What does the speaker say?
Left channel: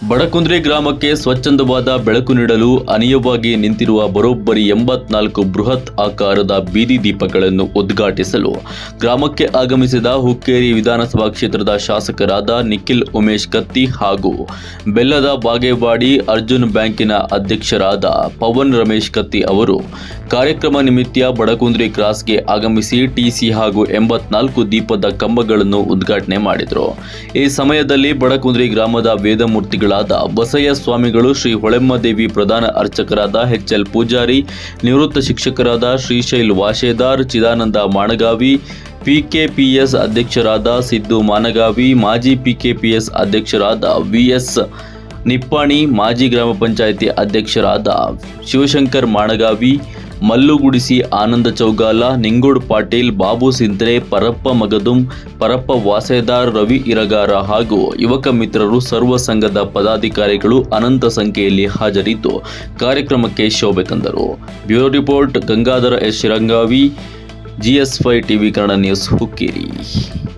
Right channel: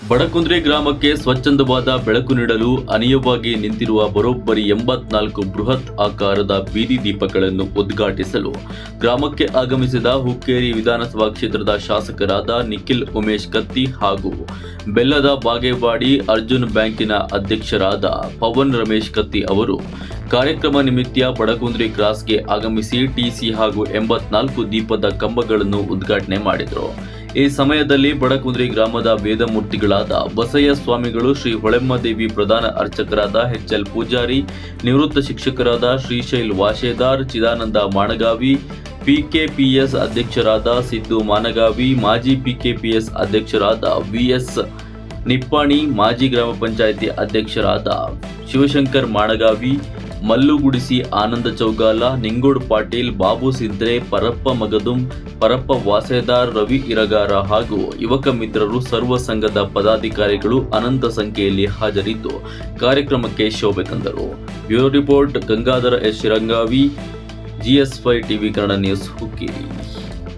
ಬಡಕುಂದ್ರೆ ಗ್ರಾಮಕ್ಕೆ ಸ್ವಚ್ಛಂದವಾದ ಬೆಳಕು ನೀಡಲು ಅನಿಯವಾಗಿ ನಿಂತಿರುವ ಬರೋಬ್ಬರಿ ಎಂಬತ್ನಾಲ್ಕು ಬೃಹತ್ ಆಕಾರದ ಬೀದಿ ದೀಪಗಳನ್ನು ಉದ್ಘಾಟಿಸಲು ಗ್ರಾಮಕ್ಕೆ ಆಗಮಿಸಿದ ಹುಕ್ಕೇರಿ ವಿಧಾನಸಭಾ ಕ್ಷೇತ್ರದ ಶಾಸಕರಾದ ನಿಖಿಲ್ ಉಮೇಶ್ ಕತ್ತಿ ಹಾಗೂ ಬೆಲ್ಲದ ಬಾಗೇವಾಡಿ ಅರ್ಜುನ್ ಬ್ಯಾಂಕಿನ ಅಧ್ಯಕ್ಷರಾದ ಪವನ್ ರಮೇಶ್ ಕತ್ತಿ ಅವರು ಕಾರ್ಯಕ್ರಮ ನಿಮಿತ್ತ ಬಡಕುಂದ್ರಿ ಕ್ರಾಸ್ಗೆ ಆಗಮಿಸಿ ಟಿಸಿ ಹಾಗೂ ಎಂಬತ್ನಾಲ್ಕು ದೀಪದ ಕಂಬಗಳನ್ನು ಉದ್ಘಾಟನೆ ಮಾಡಿದರು. ಈ ಸಮಯದಲ್ಲಿ ಬಡಕುಂದ್ರಿ ಗ್ರಾಮದ ವೇದಮೂರ್ತಿಗಳಾದ ಬಸಯ್ಯ ಸ್ವಾಮಿಗಳು ಶ್ರೀ ಹೊಳೆಮ್ಮದೇವಿ ಪ್ರಧಾನ ಅರ್ಚಕರಾದ ಎಚ್ ಎಲ್ ಪೂಜಾರಿ, ನಿವೃತ್ತ ಶಿಕ್ಷಕರಾದ ಶ್ರೀಶೈಲ್ ವಾಶೇದಾರ್, ಚಿದಾನಂದ ಮಾಣಗಾವಿ, ಪಿಕೆಪಿಎಸ್ ಅಧ್ಯಕ್ಷರಾದ ಸಿದ್ದು ಮಾನಗಾವಿ ಮಾಜಿ ಪಿಕೆಪಿಎಸ್ ಅಧ್ಯಕ್ಷರಾದ ವಿಎಸ್ ನಿಪ್ಪಾಣಿ ಮಾಜಿ ಗ್ರಾಮ ಪಂಚಾಯಿತಿ ಅಧ್ಯಕ್ಷರಾದ ಶಿವಶಂಕರ್ ಮಾಣಗಾವಿ, ಮಲ್ಲುಗುಡಿಸಿ ಆನಂದ ಚೌಗಾಲ, ನಿಂಗೋಡ್ ಪಾಟೀಲ್, ಬಾಬು ಸಿಂದ್ರೆ, ಪರಪ್ಪ ಮಗದುಂ, ಪರಪ್ಪ ವಾಸೆದಾರ್ ರವಿ ಇರಗಾರ ಹಾಗೂ ಯುವಕ ಮಿತ್ರರು ಸರ್ವ ಸಂಘದ ಪದಾಧಿಕಾರಿಗಳು ಅನಂತ ಸಂಖ್ಯೆಯಲ್ಲಿ ಹಾಜರಿದ್ದು ಕಾರ್ಯಕ್ರಮಕ್ಕೆ ಶೋಭೆ ತಂದರು. Bureau report, Gangadhara S. Shirangavi GS five TV Kannada news Hukkeri.